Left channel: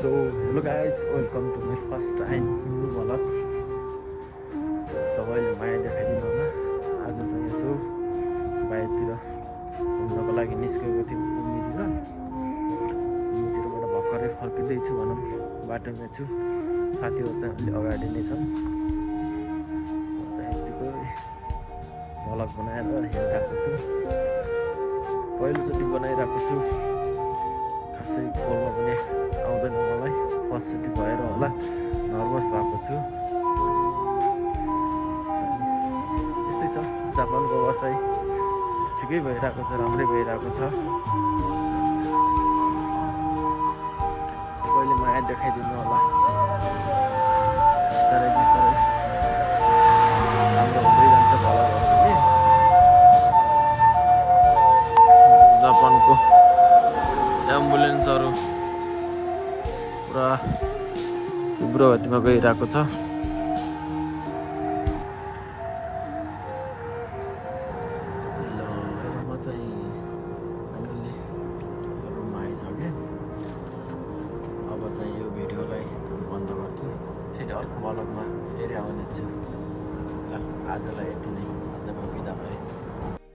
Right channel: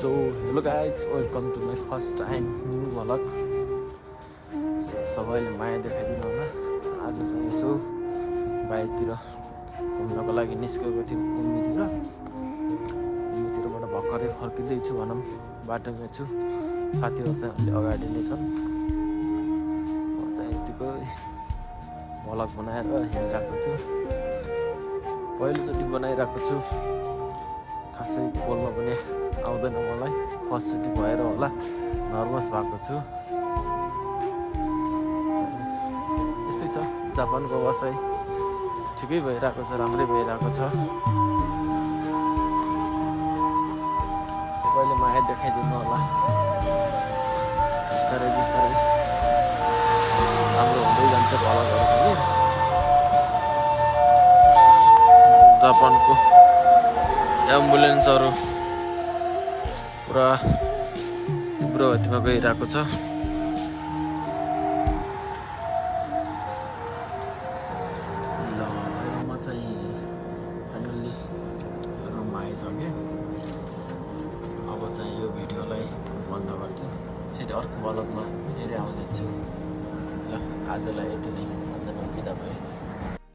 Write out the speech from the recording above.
So hello guys, welcome to my first time new vlog. सबैले माया देखाइदिनु होला। आज चाहिँ यसो बाहिरतिर घुम्नको लागि निस्केको थियौँ कुम्मीतिरबाट भर्खरै फर्किँदैछु भनौँ, बाटोमा छु। साथीहरू चाहिँ अलि अगाडि नै छन्। म चाहिँ यतिकै भ्लग बनाएर हिँडिरहेको छु। पहिलोचोटि बनाइरहेको छु, खासै बोल्न पनि आउँदैन मलाई, फर्स्टचोटि भएर होला नर्भस भएको छु। यस्तै छ जापानको व्यवसाय, ठिकै भइरहेको छ, राम्रै भइरहेको छ। सबैले माया देखाइदिनु होला। बिस्तारै बिस्तारै राम्रो हुँदै जान्छ भ्लगहरू पनि। जापानको एम्बुलेन्सहरू पुरा तीव्र गतिमा गइरहेको छ। म चाहिँ फाइनल्ली रुममा आइसकेँ। अब चाहिँ यो भिडियोलाई बन्द गर्छु, फेरि अर्को भ्लगमा फेरि आउँदैछु। ल आजलाई यति नै, अन्त बिदा भएँ।